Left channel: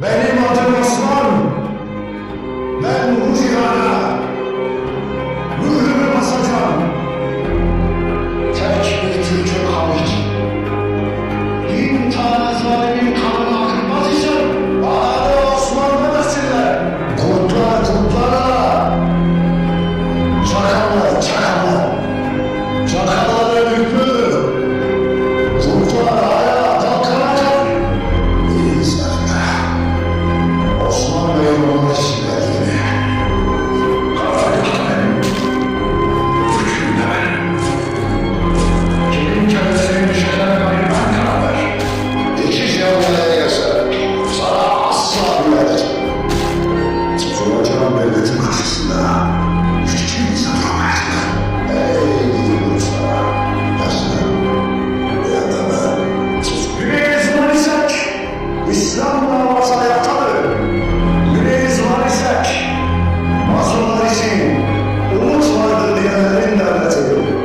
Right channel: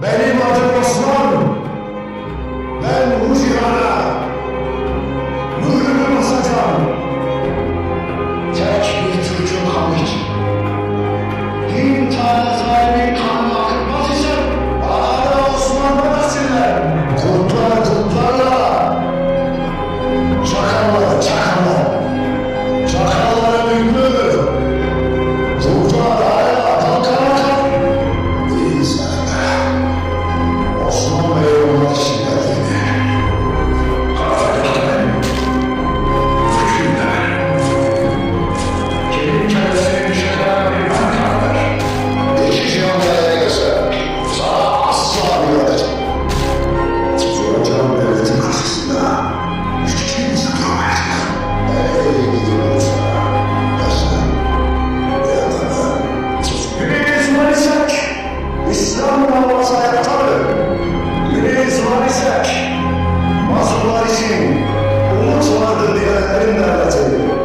Benim adım Osman. Ben bu cihana mührümü basacağım. Tek bir Türk'ün kanı için. 1000 tane zalimin kanını akıtmaz isem bana da Osman'dan asiller. Kurtlar kurtlarla, çakallar çakallar. Çakalların hükmü, kurtlar ayağa kalkana kadar. İyi zalimler. Osman Bey'in ona şiddetini. Karargah da benim, hüküm de benim. Kimin kendisinin düşeceğine kadar ben karar ver. İki cihan nereye gelse sana asla müdahale. Soracağım devletin karşısında hiç kimse duramayacak. Ey gidi olursa yazın ya da ben. Güneyiz var isek İslam davası ayaktadır. Güneyiz var isek mazlumlar için umut vardır diyenlerin devleti.